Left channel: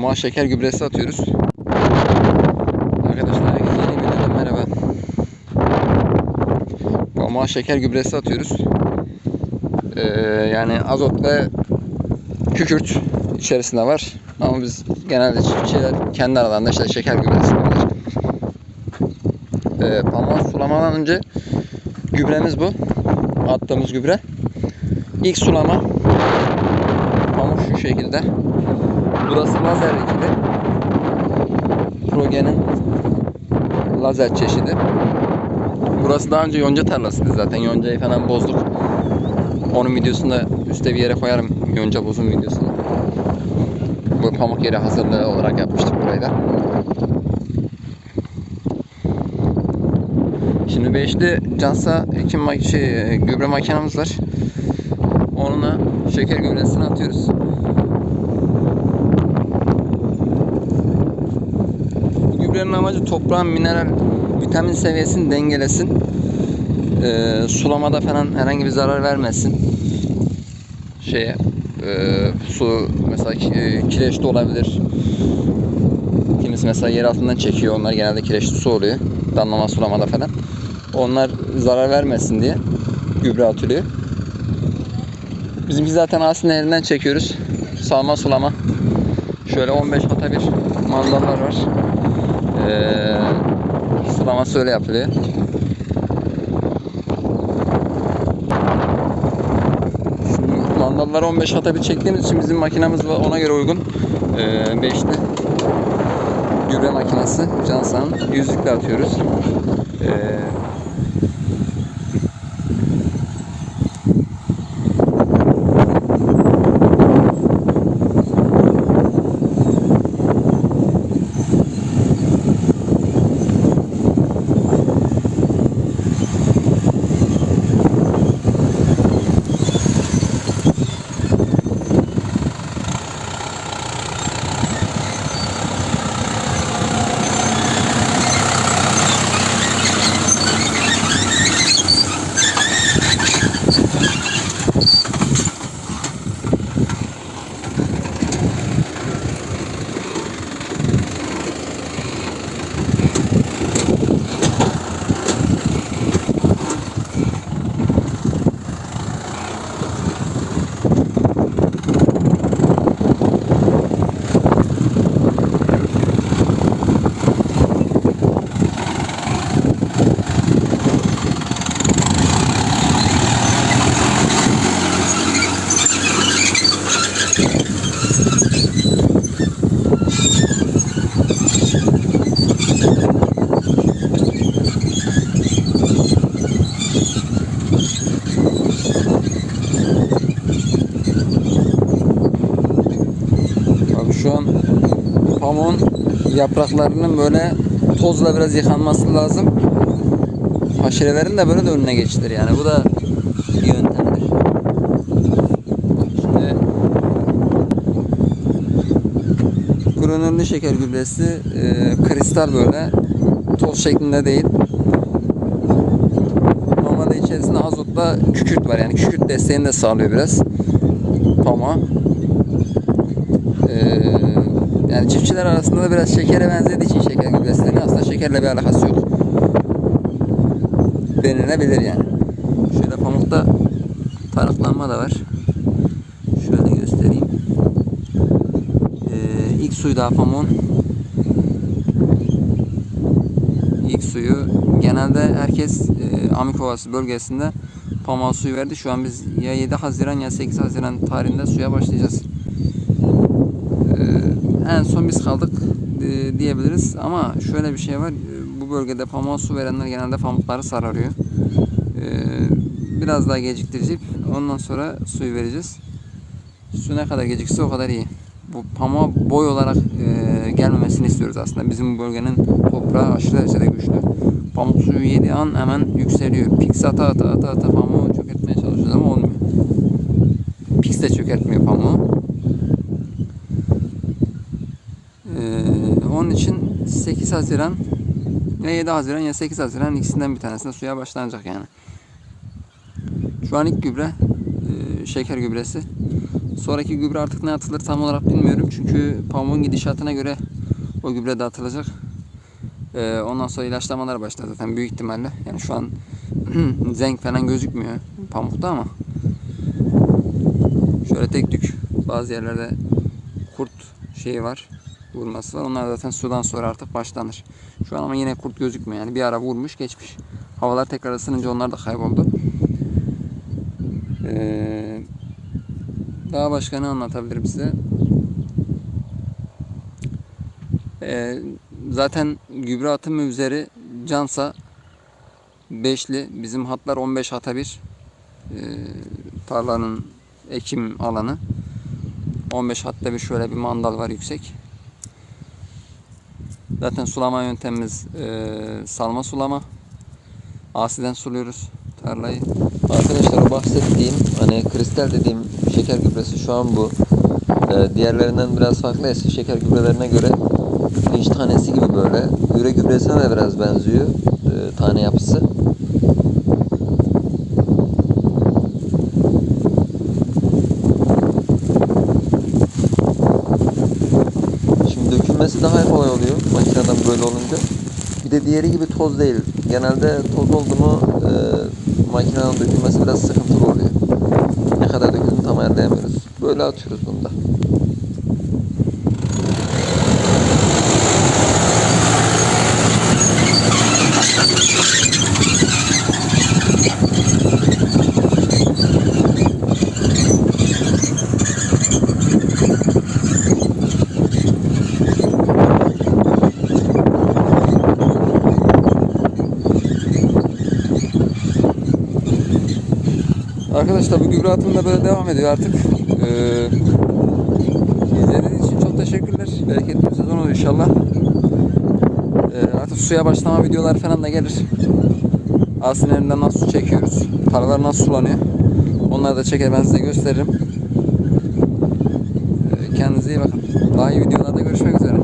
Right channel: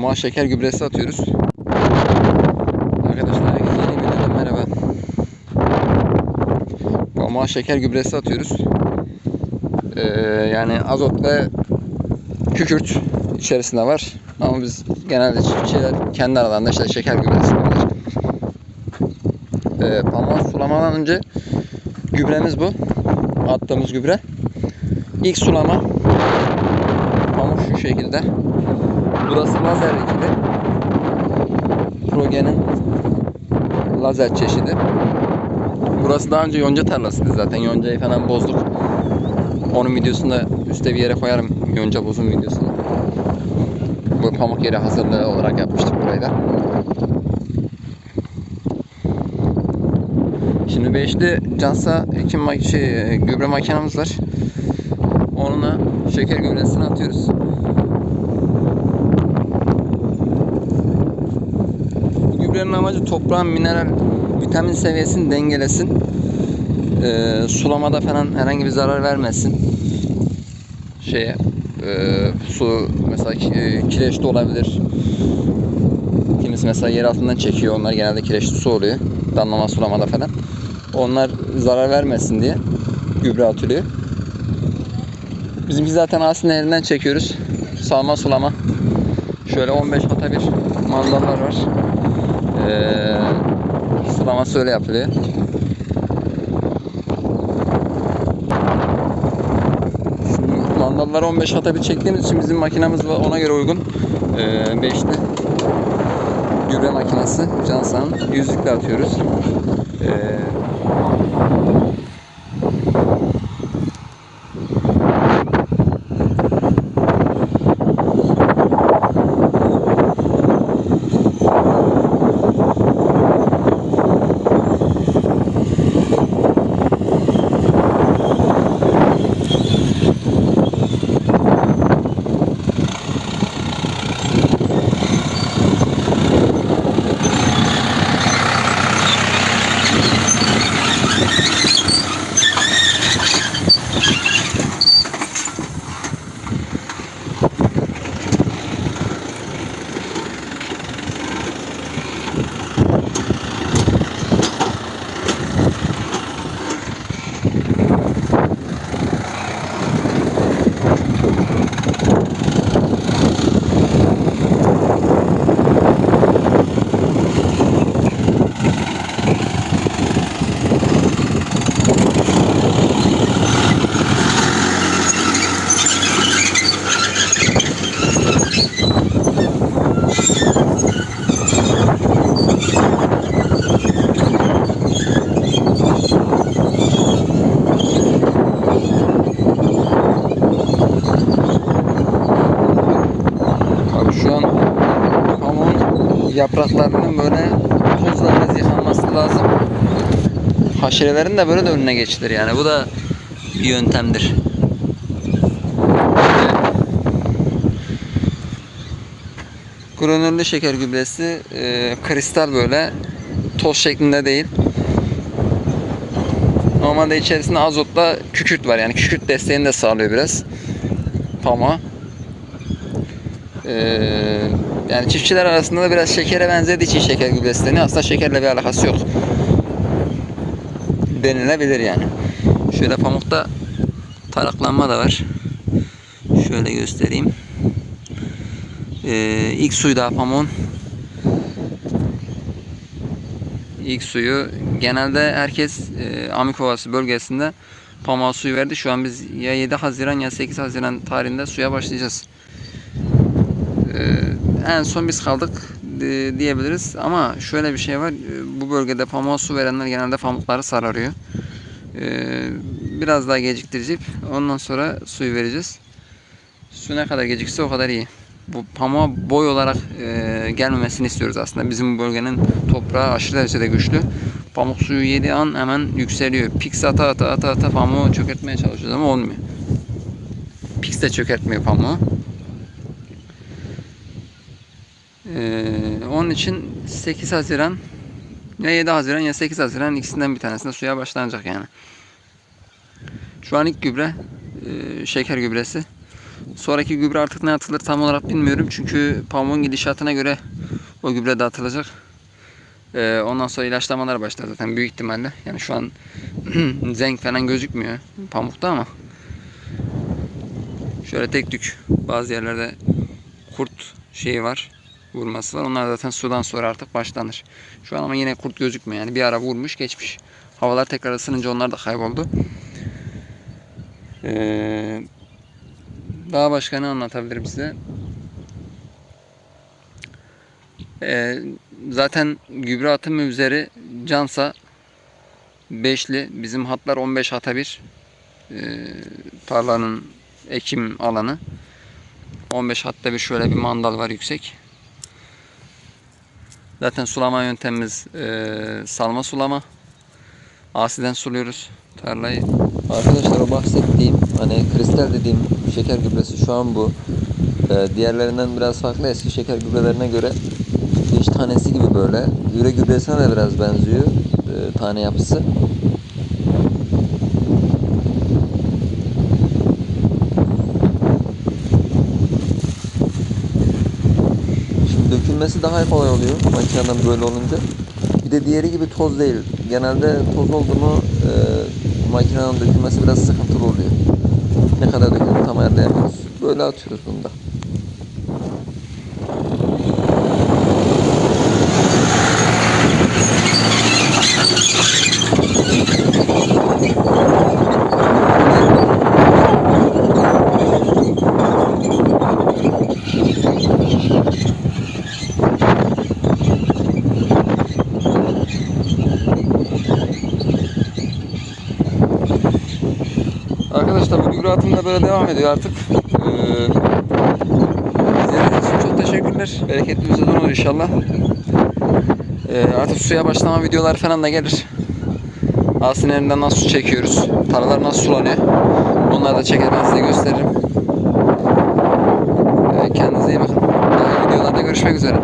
Pamuğa şeker gübresi atıyoruz. Arkadaşlar yeni videodan merhaba. Pamuğa şeker gübresi atıyoruz. Ee, yani azot ve kükürt içerisinde var. Ama biz genelde çiftçiler kendi aralarında işte şeker gübresi yapıyorlar. Ee, pamuğa sulamadan önce gübremiz bu. Attığımız gübre. İlk sulama pamuk şu şekilde. Burası lazer ekili. Progen'in lazer çeşidi. Burası daha önce yonca tarlasıydı zaten. Yoncayı falan bozduk. Onun videosunu da üstte bir yere koyarım. Yonca bozum videosunu. Bu pamuk yeri hazırlığı olarak yapmıştık burayı da. Şimdi beşli cansa ekim mak- şey, gübre makinamız var. Onunla şeker gübresini atıyoruz. Gübrenin amacı toprağın mineral vitamin seviyesini dengelesin. Ee, sulamada falan herhangi bir zarar vermesin. Şeye e, su mesela e, kireçli olabilir. Kimisi mesela yer altından çekiyor. Onlar genelde kireçli su oluyor. Damlama sulamada falan. Onlar zarar vermesin diye gübre atılıyor. Bizimki zaten aslında elinden çekiyoruz. Salma sulama. Şöyle 15 hata bir mandallar var. Ee, sulaması öyle yapılıyor. Şimdi mandalları 15 hata çektiğimiz için bizim makinamız var ona göre uygun. Ee, beşli gübre makinesi Cansan'ın yüzlükle atıyoruz. Ee, Abi şu an pamuğun yapraklarının böyle tozla biraz yıkanması lazım. Haşerelerin de böyle de önüne geçilir yani. Bu da bir yöntemdir. Granüllü şeker gübresi e, kristal böyle toz şeklinde değil. Normalde içerisinde azotla kükürt var yani kükürt desteğini de sağlıyor biraz pamuğa. Ee, yani çiftçiler arasında da biraz şekere benzediği için şeker gübresi deniyor. Aslında şekerle bir alakası yok. Denilebilir yani. Şöyle pamukta taraklanma da var. Şöyle göstereyim. Ee, ilk suyu daha pamuğun. İlk suyu genelde herkes e, Amikovası bölgesinde pamuğa suyu verdi. Şu an biz ya 7 Haziran ya 8 Haziran tarihinde suya başlayacağız. En son biz kaldık e, diyebiliriz. Ama şöyle bir şey var e, bu bölgede pamuğa su verenler genelde pamukları sararıyor. Ee, biraz daha geciktireceğiz ondan sonra suyu vereceğiz. Su ne kadar gecikse o kadar iyi. Bu pamuğa boy olarak e, gelmemesini istiyoruz aslında. Bizim bu bölgenin toprağı aşırı derecede güçlü. Pamuk suyu yediği an hemen yükseliyor. Pix ata ata ata ata pamuğu çökertmeye çalışıyoruz ama olmuyor. Pix de çökertmiyor pamuğu Ee, onun için 8 Haziran ya 7 Haziran ya 8 Haziran ikisinden bir tanesinde suya başlanacak yani. Şu an ilk gübre e, şeker gübresi. Sonraki gübre artık ne atılır tam olarak bilmiyorum. Çünkü pamuğun gidişatına göre o gübre de atılacak. Ee, ondan sonra ilaçlamalar başlar zaten büyük ihtimalle. Yani şu an zenk falan gözükmüyor pamukta ama şöyle tek tük bazı yerlerde kurt şeyi var vurması var. Onlar zaten sudan sonra artık başlanır. Şu an ama yine kurt gözükmüyor. Yani bir ara vurmuş geçmiş. Havalar tekrar ısınınca onlar da kayboldu. Ee, daha başka ne anlatabilirim size? Ee, zaten gübre atımı üzeri cansa beşli. Bizim hatlar 15 hata bir. Ee, tarlanın ekim alanı. 15 hatta bir şöyle bir mandal var yüksek. Zaten sulama yöntemimiz e, salma sulama. Asiden suluyoruz tarlayı. Arkadaşlar o bahsettiğim hani kristal dediğim şeker gübresi şu an bu. Ee, diğerlerinden biraz farklı eski şeker gübrelerine göre pirinç tanesi gibi böyle. Gübre gübresine de biraz benziyor e, tane yapısı. Dökülmesi daha kolay oluyor makineden böyle olunca. Bir de diğeri gibi toz değil. Genelde toz oldu mu e, makineden dökülmesi biraz sıkıntılı oluyor. Ne kadar döküldüğünü tam ayarlayamıyoruz. Böyle atıyoruz bunu da. Arkadaşlar bu gübre atımı da böyle devam ediyor artık. Ee, için çok teşekkürler. Bereketli bir sezon olur inşallah. Ee, artık suya başlama videolar falan da gelir. Aslında elinden nasıl su çekiyoruz. Tarlalar nasıl sulanıyor. Onları da çeker ben size gösteririm. Ee, kendinize iyi bakın. Daha iyi videolarda görüşmek üzere.